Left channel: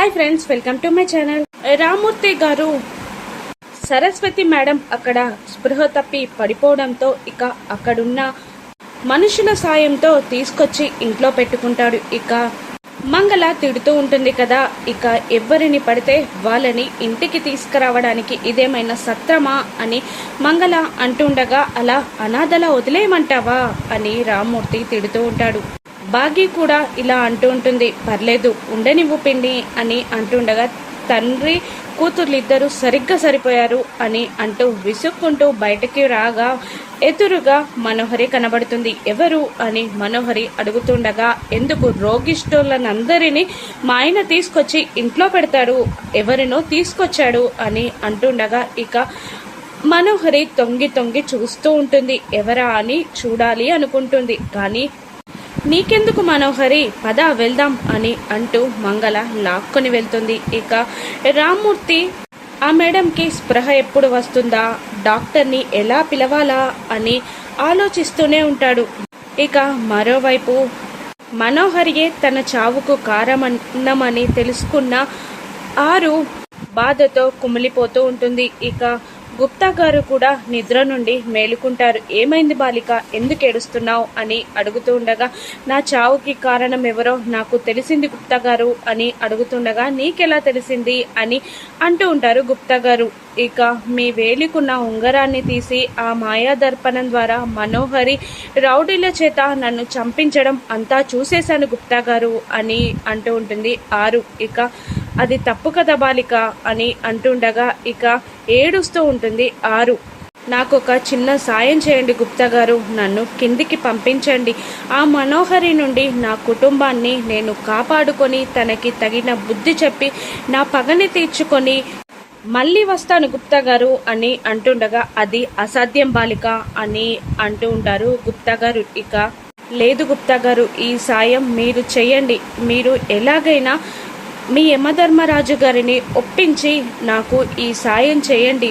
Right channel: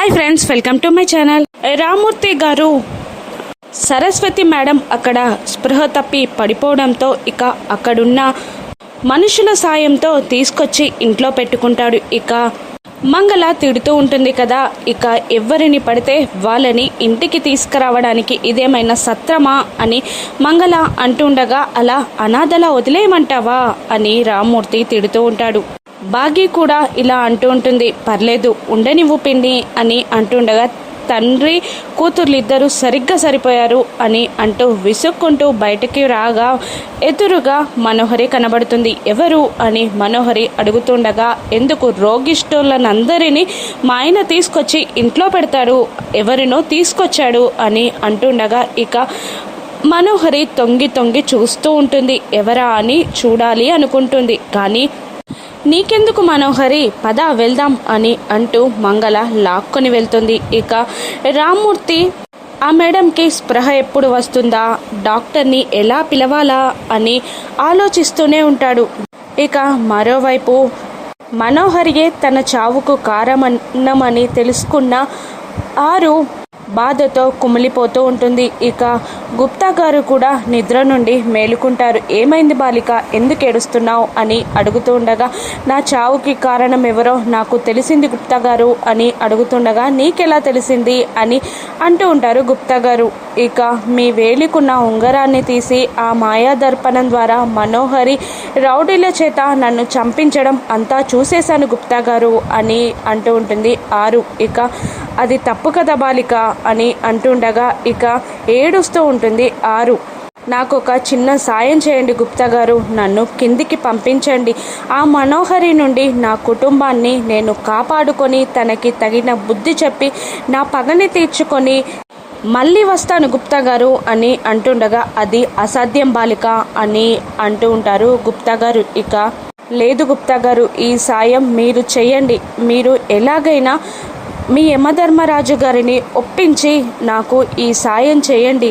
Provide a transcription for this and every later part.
Hi friends welcome to my channel Ramurthy గారు Saraswati madam అక్కడ స్పృహ తప్పి పడిపోవడంతో ఇక అక్కడున్న మనుషుల సాయంతో తీసుకొచ్చి ఇంట్లో పెట్టుకుంటాడు. ఇక మంగళ తిడుతూ ఉంటుంది కదా ఇక ఎవరిని పడితే వాళ్ళని ఇంటికి తీసుకురావడానికి ఇదేమైనా సత్రమా అని మంగళ అంటుండగా అలా అనాథలా వదిలేయమంటావా అని రామ్మూర్తి తిడుతూ ఉంటాడు. భాగ్య కూడా ఇలా అంటూ ఉంటుంది. పర్లేదు ఉండనివ్వు పిండి అని అంటుండగా తండ్రి కూతుర్లిద్దరూ సరిగ్గా సరిపోయారు అని అంటూ విసుక్కుంటూ బయటికి రాగా ఎదురుగా మనోహరి కనబడుతుంది. ఎవరు? అని మనోహరి అడుగుతుండగా ఎందుకు రోగిష్ఠులనందరినీ మా ఆయన తీసుకొచ్చి ఇంట్లో పెడతాడు? ఎవరినో తీసుకొచ్చాడు? అని అంటుండగా ఇక మనోహరి తొంగి తొంగి చూస్తూ ఉంటుంది. ఎవరా అని చూడాలి అనుకుంటుంది. కానీ నీకెందుకు మనోహరి? పద వెళ్దాం అని అంటూ మంగళ లాక్కొని వెళ్తుంది. ఇక రామ్మూర్తి ఆ మేడంకి స్పృహ ఎప్పుడు వస్తుందా? డాక్టర్ని ఎలా పిలవాలా? అని ఆలోచిస్తూనే ఉంటాడు. ఇక మరోవైపు మనోహరియే తన చావుకు కారణమని తెలుసుకున్న ఆరు బాధతో కుమిలిపోతూ ఉంటుంది. ఇక గుప్తా గారు కూడా నిద్ర నుండి మేలుకుంటారు. ఏమైంది బాలిక? ఎందుకు ఏడుస్తున్నావు? అని అడుగుతూ ఉండగా నా చావుకి కారణం ఎవరో నాకు తెలిసింది గుప్తా గారు అని అడుగుతుండగా నీకెలా తెలిసింది? అని అంటూ ఉంటారు గుప్తా గారు. ఇక మీ వేలికున్న ఉంగరాన్ని తీసి ఆ మాయా దర్పణం ద్వారా మనోహరి రౌడీల చేత నన్ను చంపించడం అంతా చూసేశాను గుప్తా గారు అని అంటూ ఉంటుంది ఆరు. ఇక అది తప్పు కదా బాలిక అని అంటుండగా ఇక ఏడుస్తూ ఉంటుంది ఆరు. నాకు ఒక చిన్న సాయం చేయండి గుప్తా గారు నన్ను కిందికి పంపించండి. ఆ మనోహరి నుండి నా కుటుంబాన్ని నేను కాపాడుకొని తనకి తగిన బుద్ధి చెప్పి నా పగని తీర్చుకొని మళ్ళీ వస్తాను గుప్తా గారు అని అంటుండగా అది అసాధ్యం బాలిక అని అంటూ ఉంటారు గుప్తా గారు. ఇక లేదు గుప్తా గారు ఈ సాయం మీరు చేయండి. మీరు ఎలాగైనా మీ యమధర్మరాజు గారిని ఒప్పించి నాకు ఈ సాయం చేయండి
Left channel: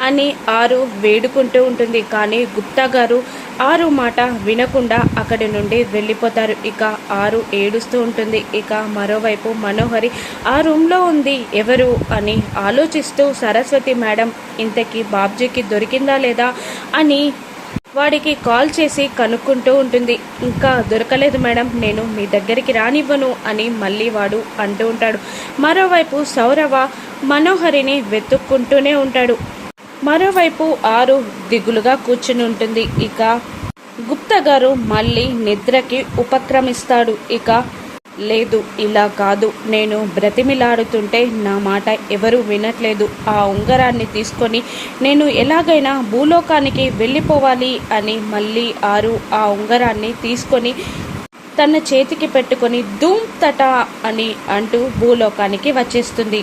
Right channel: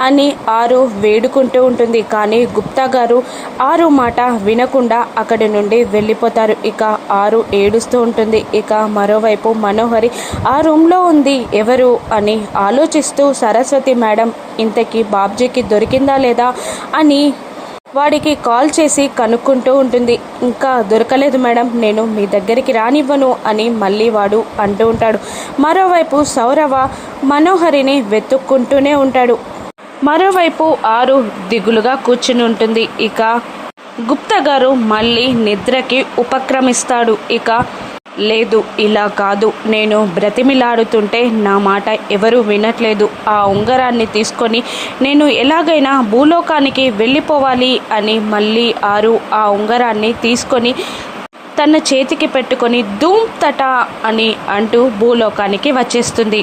అని ఆరు వేడుకుంటూ ఉంటుంది. కానీ గుప్తా గారు ఆరు మాట వినకుండా అక్కడి నుండి వెళ్ళిపోతారు. ఇక ఆరు ఏడుస్తూ ఉంటుంది. ఇక మరోవైపు మనోహరి ఆ రూమ్లో ఉంది ఎవరు? అని ఆలోచిస్తూ సరస్వతి మేడం ఇంతకీ బాబ్జీకి దొరికిందా లేదా? అని వాడికి కాల్ చేసి కనుక్కుంటూ ఉంటుంది. ఇంకా దొరకలేదు మేడం నేను మీ దగ్గరికి రానివ్వను అని మళ్ళీ వాడు అంటూ ఉంటాడు. మరోవైపు సౌరవ మనోహరిని వెతుక్కుంటూనే ఉంటాడు. మరోవైపు ఆరు దిగులుగా కూర్చుని ఉంటుంది. ఇక గుప్త గారు మళ్ళీ నిద్రకి ఉపక్రమిస్తాడు. ఇక లేదు ఇలా కాదు. నేను బ్రతిమిలాడుతుంటే నా మాట ఎవరు వినట్లేదు. ఆ ఉంగరాన్ని తీసుకొని నేను ఎలాగైనా భూలోకానికి వెళ్ళిపోవాలి అని మళ్ళీ ఆరు ఆ ఉంగరాన్ని తీసుకొని తన చేతికి పెట్టుకొని ధూమ్ తట అని అంటూ భూలోకానికి వచ్చేస్తుంది.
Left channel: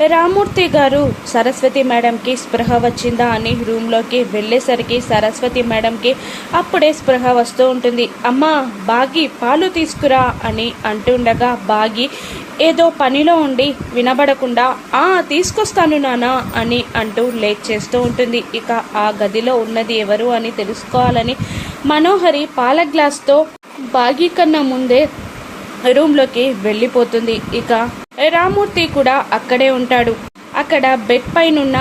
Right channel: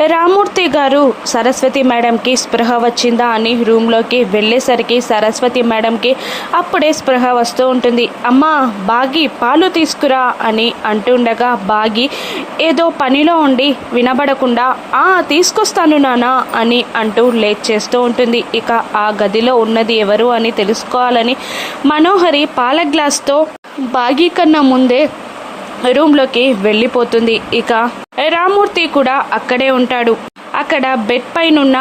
రామూర్తి గారు సరస్వతి మేడంకి స్పృహ వచ్చిందా అని రూమ్లోకి వెళ్ళేసరికి సరస్వతి మేడంకి అప్పుడే స్పృహ వస్తూ ఉంటుంది. అమ్మా బాగి పాలు తీసుకురా అని అంటుండగా బాగి ఏదో పనిలో ఉండి వినబడకుండా ఆ తీసుకొస్తాను నానా అని అంటూ లేట్ చేస్తూ ఉంటుంది. ఇక ఆ గదిలో ఉన్నది ఎవరు అని తెలుసుకోవాలని మనోహరి పాల గ్లాస్తో బాగి కన్నా ముందే రూమ్లోకి వెళ్ళిపోతుంది. ఇక రామూర్తి కూడా అక్కడే ఉంటాడు. అక్కడ బెడ్ పైనున్న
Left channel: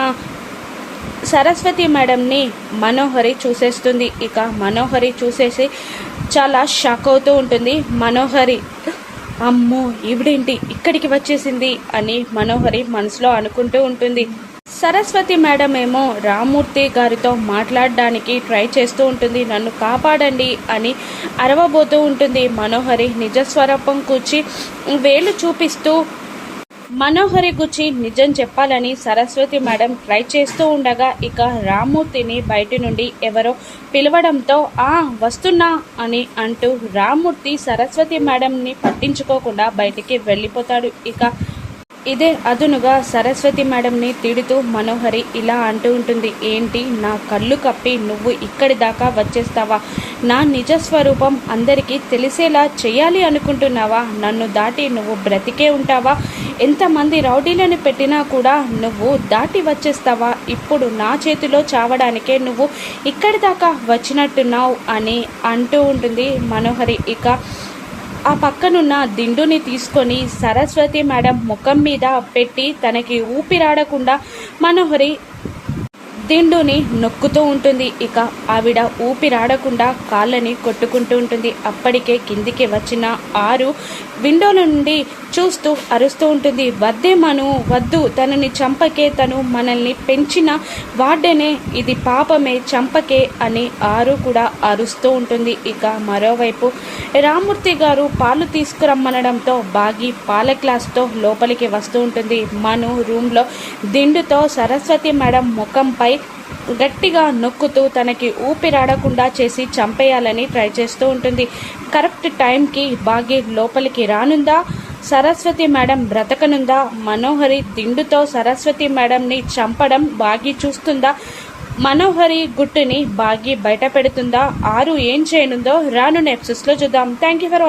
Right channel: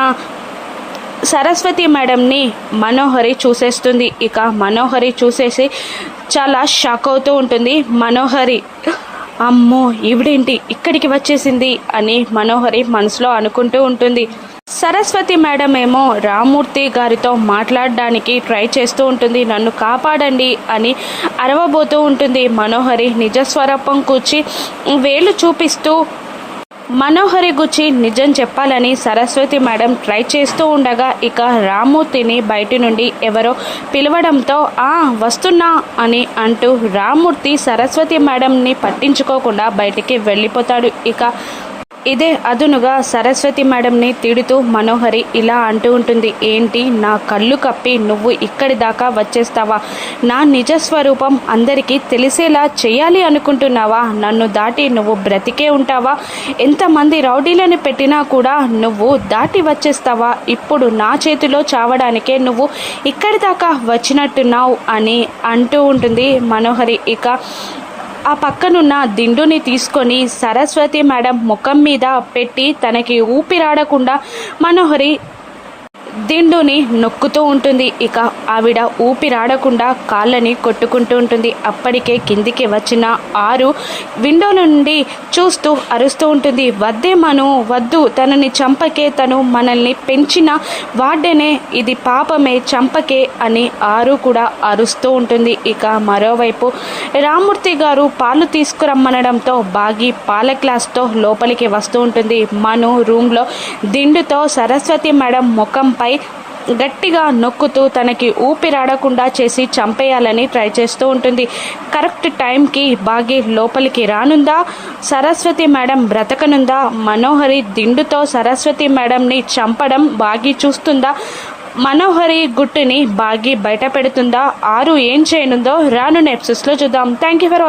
సరస్వతి మేడంని మనోహరి చూసేస్తుంది. ఇక మనోహరి చూసేసి చాలా షాక్ అవుతూ ఉంటుంది. మనోహరి అమ్మో ఈవిడేంటి ఇక్కడికి వచ్చేసింది అని మనోహరి మనసులో అనుకుంటూ ఉంటుంది. సరస్వతి మేడం ఏమో రామూర్తి గారితో మాట్లాడడానికి ట్రై చేస్తూ ఉంటుంది. నన్ను కాపాడండి అని అరవబోతూ ఉంటుంది. మనోహరి నిజస్వరూపం కూర్చి వేలు చూపిస్తూ మనోహరి గుచ్చి నిజం చెప్పాలని సరస్వతి మేడం ట్రై చేస్తూ ఉండగా ఇక రామూర్తిని బయటి నుండి ఎవరో పిలవడంతో ఆ వస్తున్నా అని అంటూ రామూర్తి సరస్వతి మేడంని పట్టించుకోకుండా బయటికి వెళ్ళిపోతాడు. ఇక ఇదే అదునుగా సరస్వతి మేడంని తిడుతూ మనోహరి ఇలా అంటూ ఉంటుంది ఏంటి నా కళ్ళు కప్పి నువ్వు ఇక్కడి దాకా వచ్చేస్తావా? నా నిజ స్వరూపం అందరికీ తెలిసేలా చేయాలి అనుకుంటున్నావా? నన్ను దాటి నువ్వు బ్రతికే ఉంటావా? ఎంతమంది రౌడీలను పెట్టినా కూడా నువ్వు దాటి వచ్చేస్తావా? ఇప్పుడు నా చేతిలో చావడానికే నువ్వు ఇక్కడి దాకా వచ్చినట్టున్నావు అని అంటూ ఉంటుంది మనోహరి. ఇక ఆ పక్కనున్న దిండుని తీసుకొని సరస్వతి మేడం ముఖం మీద పెట్టి తనకి ఊపిరాడకుండా మనోహరి దిండుని నొక్కుతూ ఉంటుంది. ఇక ఆవిడ ఊపిరాడకుండా కాళ్ళని కొట్టుకుంటూ ఉంటుంది. అప్పటికే కిందికి వచ్చిన ఆరు విండో నుండి చూస్తూ అరుస్తూ ఉంటుంది. వద్దే మను వద్దు. తనని చంపకే తను మనల్ని పెంచిన వాడేనే ఇది పాపమే చంపకే అని ఆరు కూడా అరుస్తూ ఉంటుంది. ఇక మరోవైపు రామూర్తి గారు పాలు తీసుకురమ్మనడంతో బాగి పాల గ్లాస్తో లోపలికి వస్తూ ఉంటుంది. మను రూమ్లో దిండుతో సరస్వతి మేడం ముఖంపై గట్టిగా నొక్కుతూ తనకి ఊపిరాడకుండా చేసి చంపేయాలని ట్రై చేస్తూ ఉంటుంది. కరెక్ట్ టైంకి బాగి లోపలికి రానుందా? సరస్వతి మేడం బ్రతకనుందా? మనోహరి దిండుతో సరస్వతి మేడంని చంపడం బాగి చూస్తుందా? మనోహరి గుట్టుని బాగి బయట పెడుతుందా? ఆరు ఏం చేయనుందో రాను నెప్సెస్లో చూద్దాం. Thank you for